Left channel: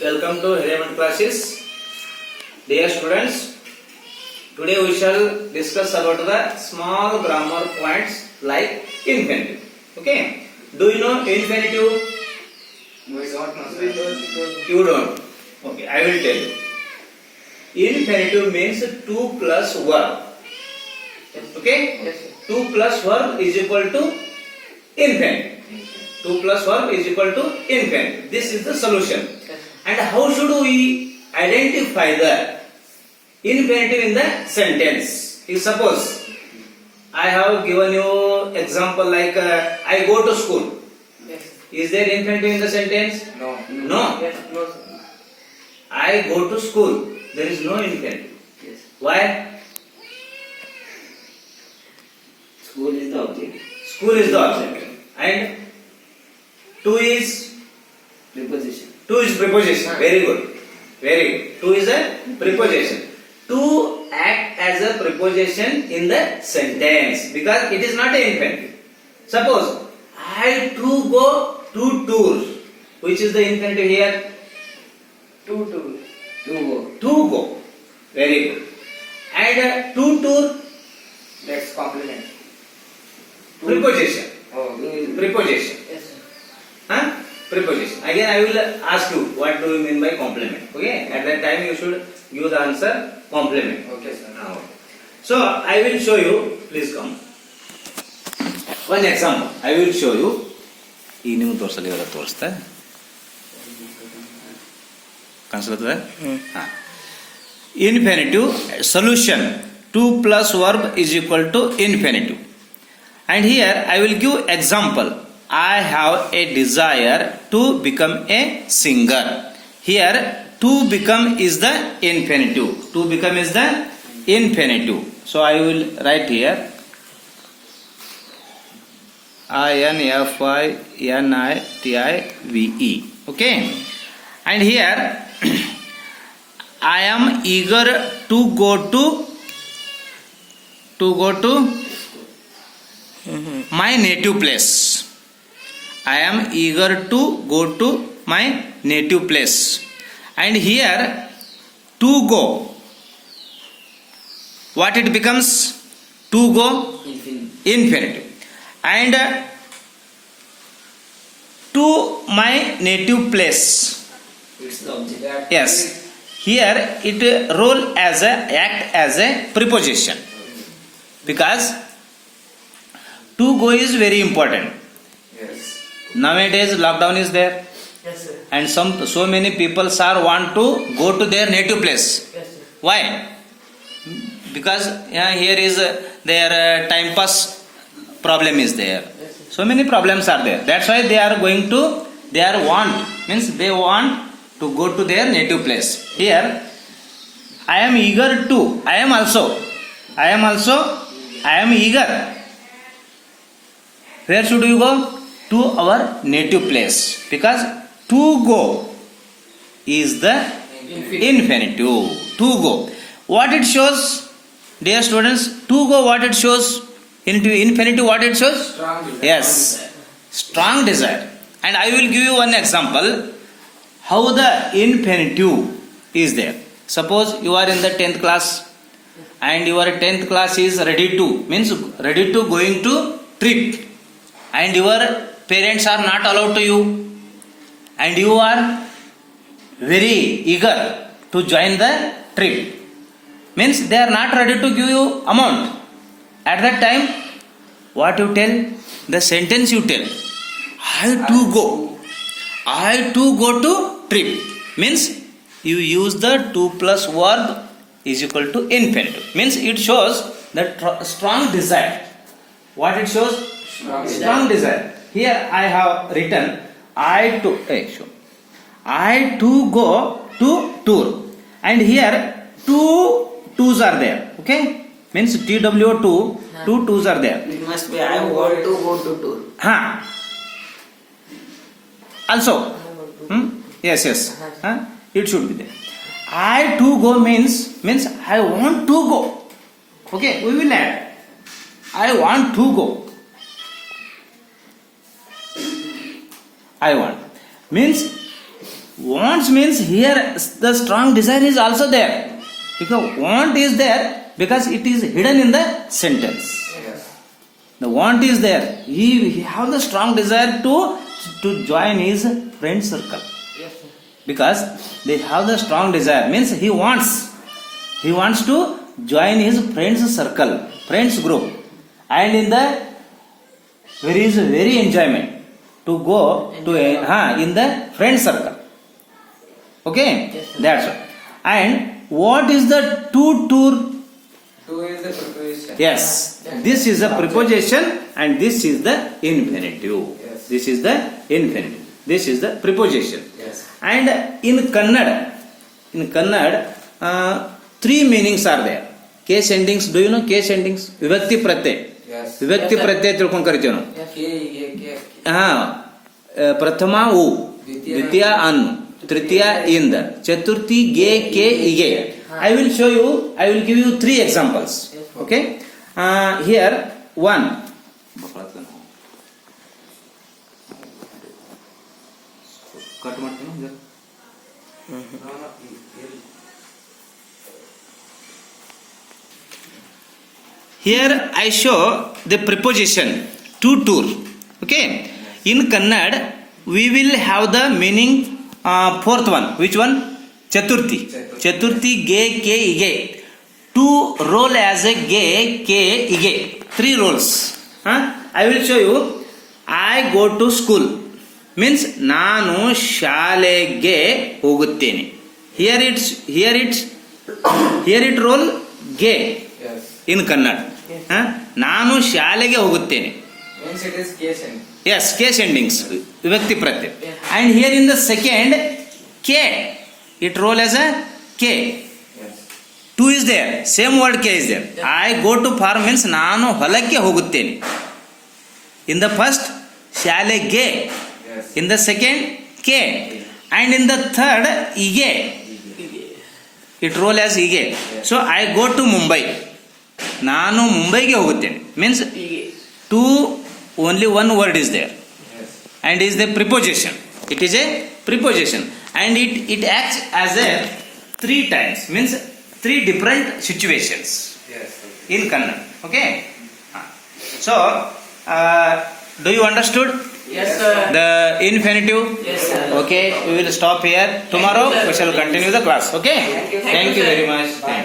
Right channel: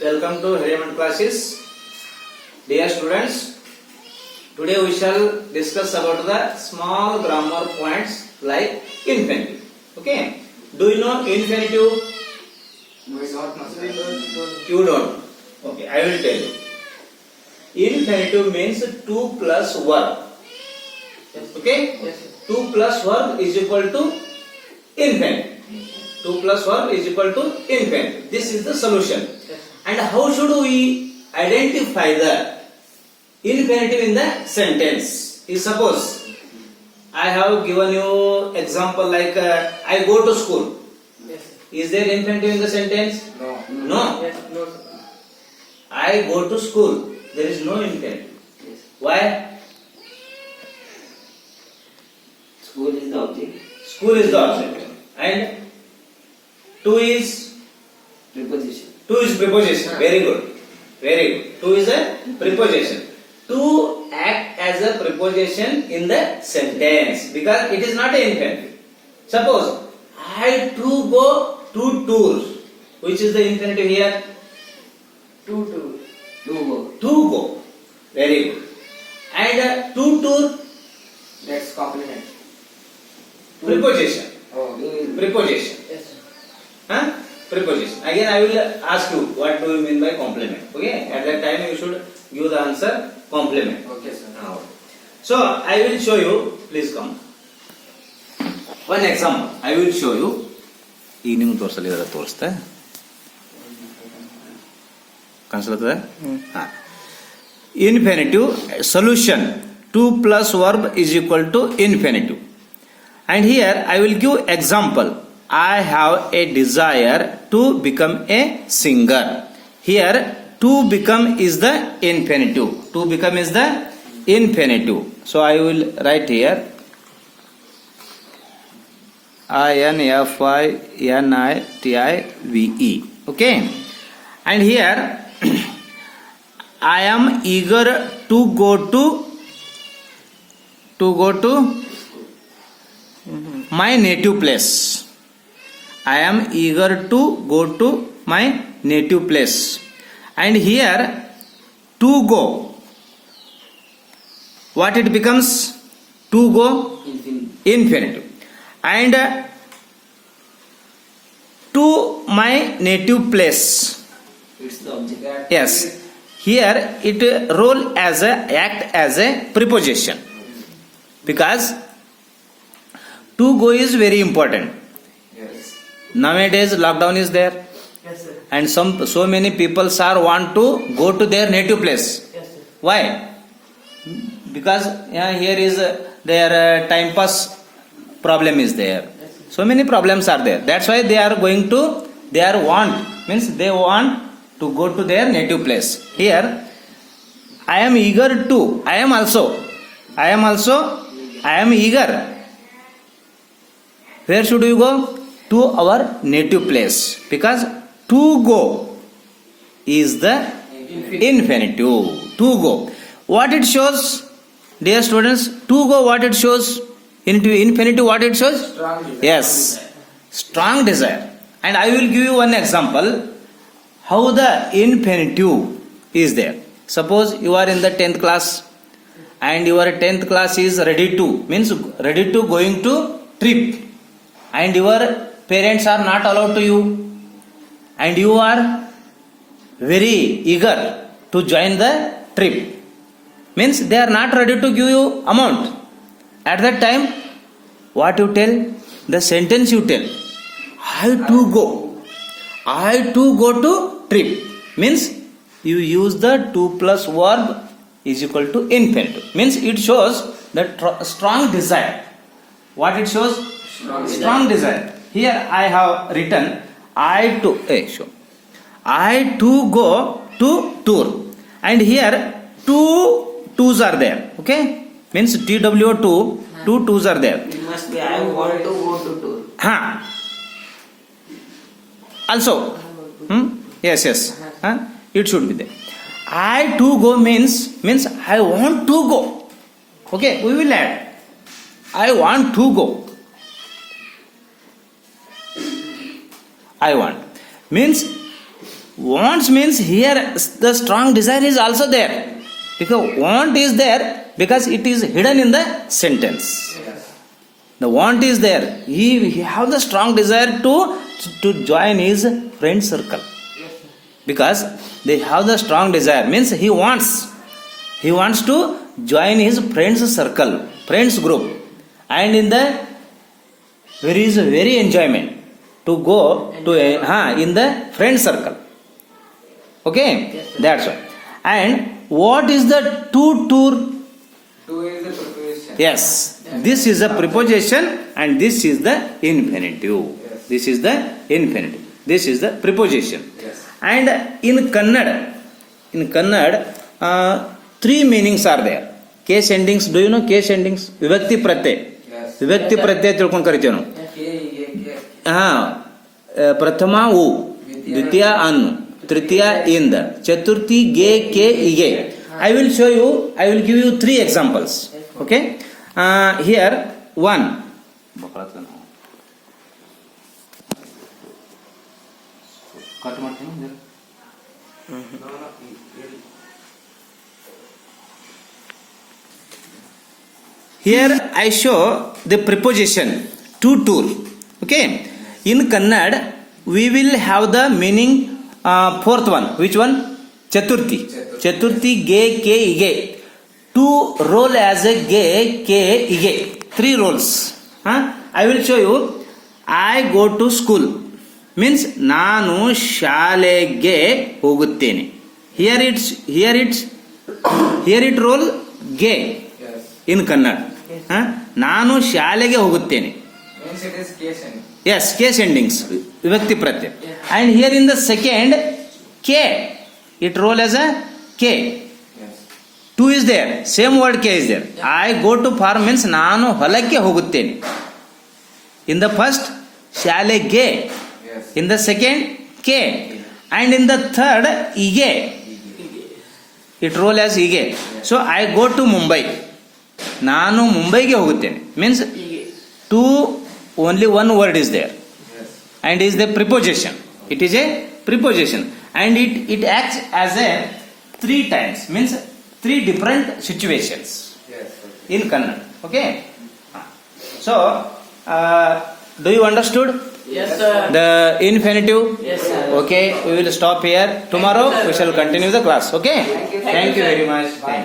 Welcome to Hariaman classes. Dear students, today we shall discuss about the small grammar points like infinitive. Okay, do you know infinitive? We don't know. You don't. Okay, I will tell you. Infinitive means 2 plus verb. Okay, Yes, sir. 2 plus verb is equal to infinitive. 2 plus verb is equal to infinitive. This is the solution. Yes. And how should we identify the infinitive in the sentence? If suppose I have given you example like I go to school. Yes. Is there infinitive in the sentence? No. No. Yes. No, sir. I go to school. There is no infinitive. Yes. Why? School is the object. School is the object. And to is Preposition. to is preposition. Very good. Very good. To is a preposition. To act as a preposition in the sentence because it is not an infinitive. Suppose I to go to tour. Which is the infinitive here? To go. To go. Very good. And to tour, That's complement. preposition. Oh. Preposition. Yes, sir. Huh? Preposition. Again, I will ask you what do you mean by complement. Okay. At that time, you should give the answer complement. Okay, sir. Now, so I will show you. Please come. One example. I will show you. ಈಗ ನಿಮ್ಗೆ ತೋರಿಸಲಿ ಇವರ ತೋರಿಸ್ತೆ ಕಾಣಿಸ್ಲತ್ತದ infinitive solution 2 plus verb is equal to infinitive. And here I will give example. I have a desire to become a singer. Here to become is the infinitive. To become is the infinitive. So I will write here infinitive. Okay. And here I am eager to go to my native place. I am eager to go to my native place. And here to go, what it becomes? To go infinitive. And to my native place, It's the object. yes, here it role as a act as a preposition because to go is very important. Yes. Nowadays lockdown is there Yes, sir. and so many people are want to go to their native place. Yes, sir. Why? Because here is their time pass problem is there. Yes, sir. So many problems are there. That's why they are going to their want means they want to go to their native place. Here I am eager to. I am eager. Where should you go? To our native place because to go is the infinitive. To go. What it shows, dear students? To go. What it shows? Into infinitive. What it shows? Strong. Yes, strong desire. And I will give you one example how the infinitive is there. Suppose you are in the 10th class and your 10th class is ready to going to trip and your parents are not allowed to you and you are very eager to join the trip means they are not ready to give you amount. At that time what you tell? The sentence you tell, I to go to trip means you use the 2 plus verb is equal to infinitive means it shows that strong desire. What it shows? Strong desire. Here I have written I to go to tour and here two twos are there. Okay, means TWO2 two twos are there. It must be I want to go to tour. Also yes it should be there. I to go means I want to go. Okay, we will add I want to go. I want means wants means here the strong desire is also there. Because want is there because it is hidden in the sentence. Yes. The want is there. He have the strong desire to join his friend circle. Yes, sir. Because they have the strong desire means he wants to join his friends circle, friends group, and in the there is very enjoyment to go to in the friend circle. Okay, Yes, sir. that's all. And what is the to tour? To is the preposition. Yes, this is the preposition and this is the infinitive. Yes. This is the infinitive. This is the preposition. Yes. And in Kannada, three meanings are there. Case endings. Do you know case endings? Vibhakti pratyay. Yes. Vibhakti Yes, sir. pratyay ತಿಳ್ಕೊಂಡು ಕರಿತೀವಿ ನಾವು. ಪ್ರಥಮ ಉ, ದ್ವಿತೀಯ ಅನ್, ತೃತೀಯ ಇಂದ, ಚತುರ್ಥಿ ಗೆ K ಇಗೆ. I will show you. I will give you three examples. Okay. Here one. Cut ಮಾಡ್ತೀನಿ. Here I show the preposition to tour. Okay. In Kannada, we will have the meaning fourth one. Which one? Chaturthi. Chaturthi ge ke ige. To roll as a ge ke ige. Three roles. I will show you. I go to school. Means ನಾನು ಶಾಲೆಗೆ ಹೋಗುತ್ತೇನೆ. Here it roll ge. Yes. In Kannada. ನಾನು ಶಾಲೆಗೆ ಹೋಗುತ್ತೇನೆ. Means it is case ending. Yes, case endings. Vibhakti pratyay. Yeah. And here in the second, K. It roll as a K. Yes. Two is there. Same word K is there. I go to farm means ನಾನು ಹೊಲಕ್ಕೆ ಹೋಗುತ್ತೇನೆ. In the first, ಶಾಲೆಗೆ. Yes. In the second, K. And in the third, ige. It roll as ige. So I go to Mumbai. ನಾನು ಮುಂಬೈಗೆ ಹೋಗುತ್ತೇನೆ. Means two, only one word is there. Yes. And is the preposition. It is a preposition. And it acts as a three times. Means three different situations Yes. in Kannada. Okay. So, do you understood Yes, sir. the infinitive? Yes, sir. Okay. We will stop here. Tomorrow we shall continue the class. Okay. Thank you. Thank you very much. Thank you.